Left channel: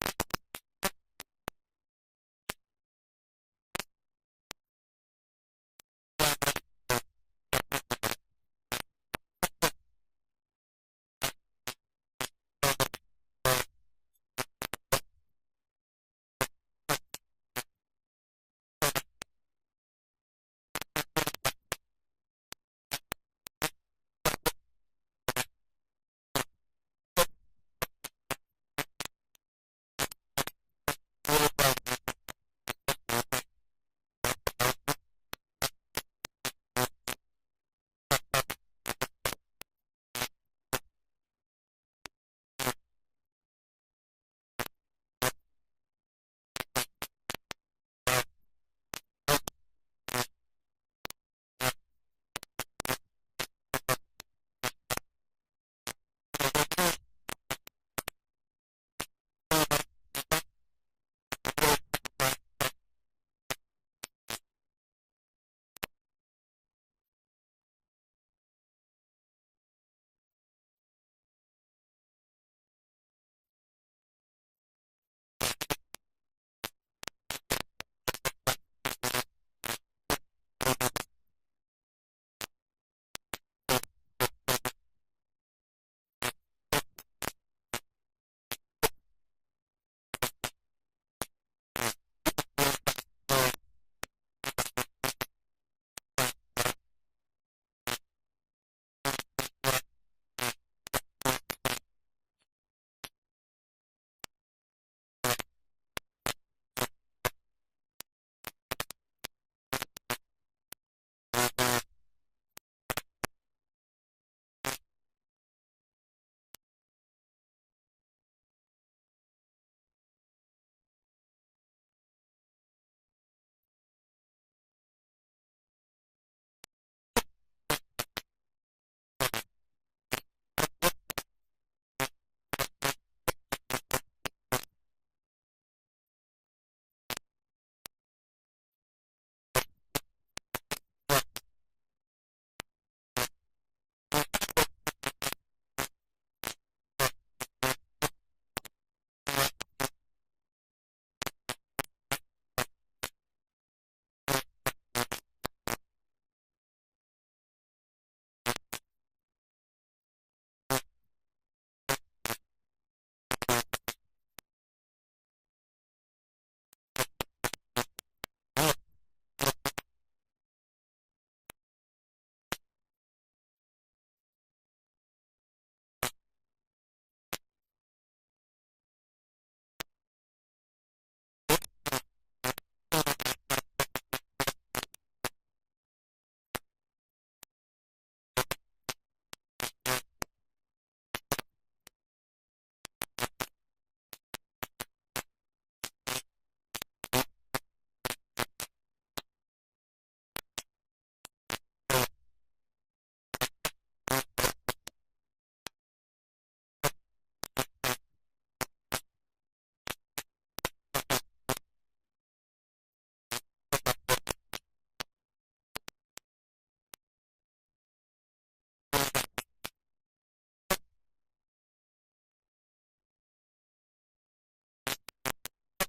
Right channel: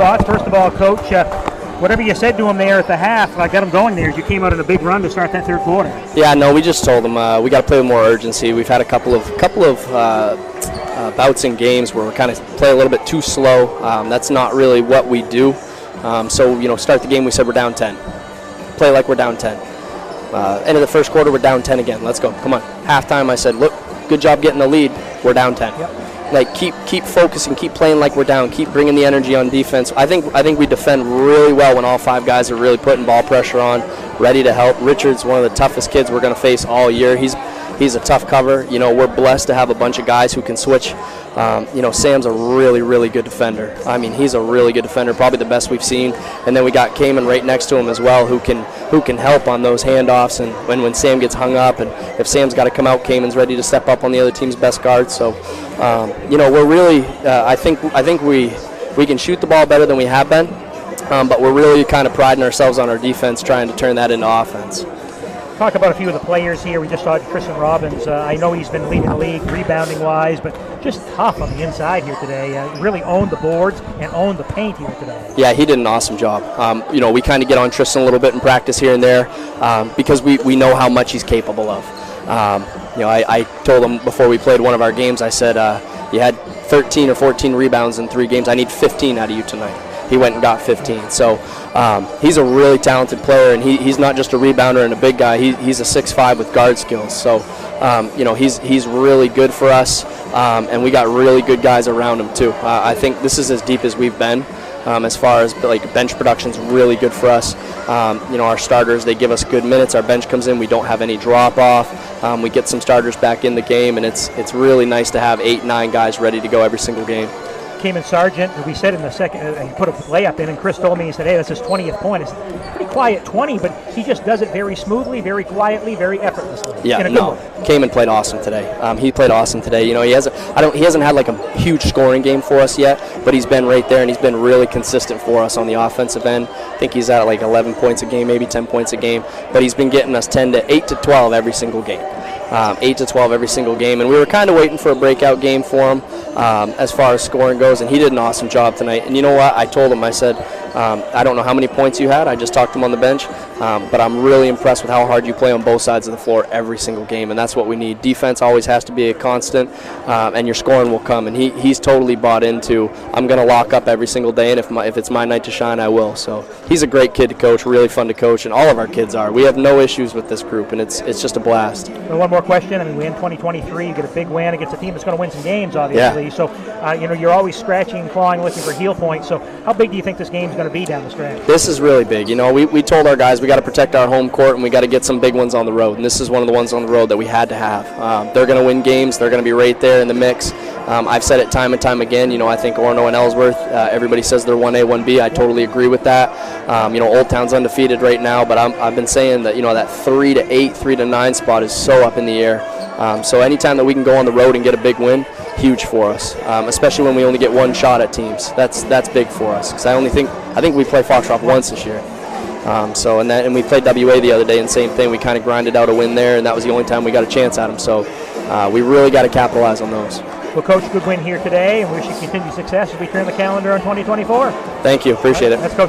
thoughts. First of all, Coach, whatever you said to him there at the half, got him going there as you came out in a big run to start that third quarter. Yeah, no, we just told him we got to play with more urgency. We've had a couple of bouts in games where we kind of play a little bit too slow. That's not really what we do. So, start the game, we said we're down 10. Play like we're down 10. End of the first quarter, we're down 10 again. Let's go. Come on. Halftime, I said, look, good job getting the lead. We're down 10. Yep. Like, keep focusing, keep playing like we're down, keep bringing the energy on defense. I think we defend really well when all 5 guys are really putting ball pressure on, ready to help. Richard's one of the toughest kids we're going to face all year. He's a tough cover. We're blessed to have a bunch of guys who can switch. Sam's a really, really good defender. I mean, he's a really good defender, probably the best we've seen. And then we got Cayman right next to him as well, who can help on those handoffs. And when Sam gets hung up, and if Sam's got to come out, Cayman's ready to step up on the other team's best guard. So, we're really. I think we can shoot the ball better than we have been, but we're really kind of priding ourselves on our defense, trying to turn that into offense. Talk about a few of the players here. We just saw Tristan Robbins. I know he's been leading the league rebounding-wise, but just tough on the inside here today. Really owned the boards and owned the paint here today. Yeah, he did an awesome job. We kind of get on Tristan a little bit in practice here and there because we know how much he's capable of. I told him before we played one of our games, I said, you had 13 or 14 rebounds in 3 games. I need 15 out of you tonight. He went and got 15. So he's a really talented player, and he's not just a rebounder and a big guy. He's a 6'5" with guard skills. So, he's really good for us, and we got really good guys around him too. I think this is as deep as we've been. As far as bench production's really good for us. Our starters, they give us good minutes. Our bench comes in, we don't have any drop off. We get some starters back in the game, and it's really nice to have 8-9 guys ready to go every single game. Cayman Sargent, we said in the second, he put a layup in, and Chris told me, he said, hey, that's his 20th point. It's a pretty quiet 20, but he just does it very smoothly, very quietly, very effortlessly. Yeah, no, Cayman played awesome today. He played awesome today. He hasn't had a huge scoring game for us yet, but he's been right there, and he's been really consistent for us on the offensive end. I think he's at 11 points a game, maybe 10 points a game, but he's been getting us 8 to 12 every single game. 8 to 12 every single game, and we were kind of waiting for a breakout game for him as far as scoring goes, and he did an awesome job tonight. And you know what? I told him, I said, I don't know how many points you had. I just talked to him on the bench, but I'm really impressed with how hard you play on both sides of the floor every single game, and that's what we need. Defense always has to be a constant, and your scoring will come. And he's totally bought into, I'm going to lock up every single day, and if it's my night to shine, I will. So he's a great kid to coach, really fun to coach, and all of our kids are. We have no issues with this group, and it's just a blast. Well, one more question. We win 2023. You get a big win against a team that's going to win some games, obviously. Yeah. So, you're always scratching and clawing, looking for heel points. So how big do you think this game's going to be down the stretch? This is really big. We told our guys we got to protect our home court, and we got to get some big ones on the road. And this is one of the ones on the road that we had to have. They're going to win games. They're going to be right there in the mix. I've said it time and time again. I think Orono and Ellsworth, everybody says they're 1A, 1B. I totally agree with that. Old Town's undefeated right now, but I've been saying that, that 3 to 8, 3 to 9 spot is so up in the air. So anytime that we can go on the road and get a big win, huge for us, especially when we only get one shot at teams. That's big for us, because I think we play Foxcroft once this year. And we played WA the other day, and same thing. We kind of grinded out a win there, and that was the only time we got a chance at them. So we really got to capitalize on those. Well, Coach, good win here today, and wish you continued success as we turn the calendar on 2024. Thank you. Appreciate it. That's Coach